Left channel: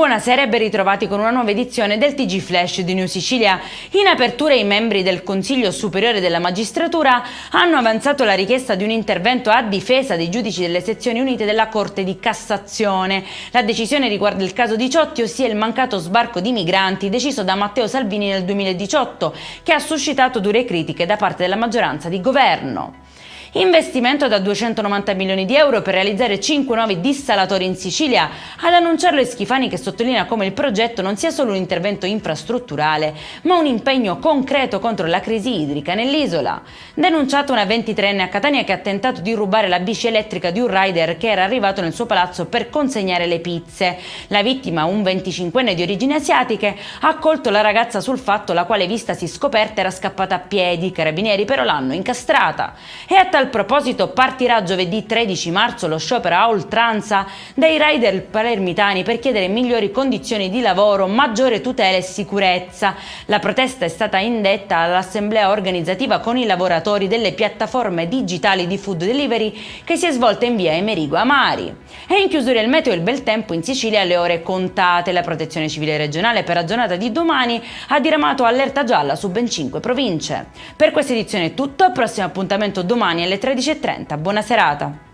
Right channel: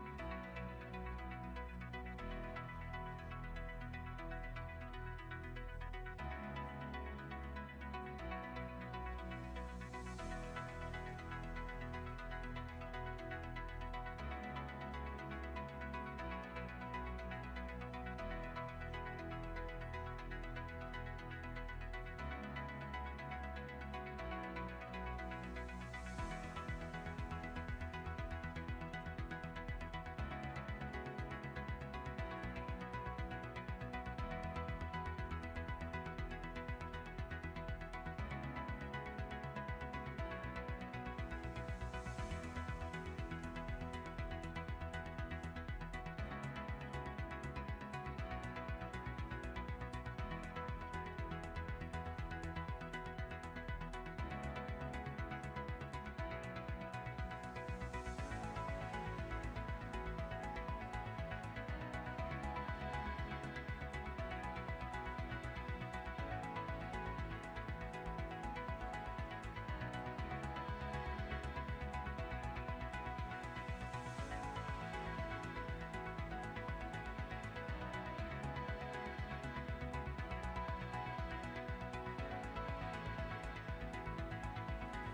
Buonasera e ben ritrovati con una nuova edizione del TG Flash di New Sicilia. In apertura i membri del Consiglio Superiore della Magistratura hanno avanzato la richiesta di un intervento a difesa dei giudici delle sezioni unite della Corte di Cassazione. La decisione riguarda il caso Diciotti, ossia il mancato sbarco di migranti deciso da Matteo Salvini nel 2018, che ha suscitato dure critiche da parte della maggioranza di governo. Investimento da 290 milioni di euro per realizzare 5 nuovi dissalatori in Sicilia. Ad annunciarlo è Schifani, che sottolinea come il progetto non sia solo un intervento infrastrutturale, ma un impegno concreto contro la crisi idrica nell'isola. Denunciata una 23enne a Catania che ha tentato di rubare la bici elettrica di un rider che era arrivato nel suo palazzo per consegnare le pizze. La vittima, un 25enne di origini asiatiche, ha colto la ragazza sul fatto, la quale, vistasi scoperta, era scappata a piedi. I carabinieri però l'hanno incastrata. E a tal proposito partirà giovedì 13 marzo lo sciopero a oltranza dei rider palermitani per chiedere migliori condizioni di lavoro, maggiore tutela e sicurezza. La protesta è stata indetta all'assemblea organizzativa con i lavoratori delle piattaforme digitali di food delivery, che si è svolta in via Amerigo Amari. E in chiusura il meteo e il bel tempo in Sicilia alle ore contate. La Protezione Civile regionale per la giornata di domani ha diramato allerta gialla su ben 5 province. Per questa edizione è tutto, al prossimo appuntamento domani alle 13:30. Buona serata.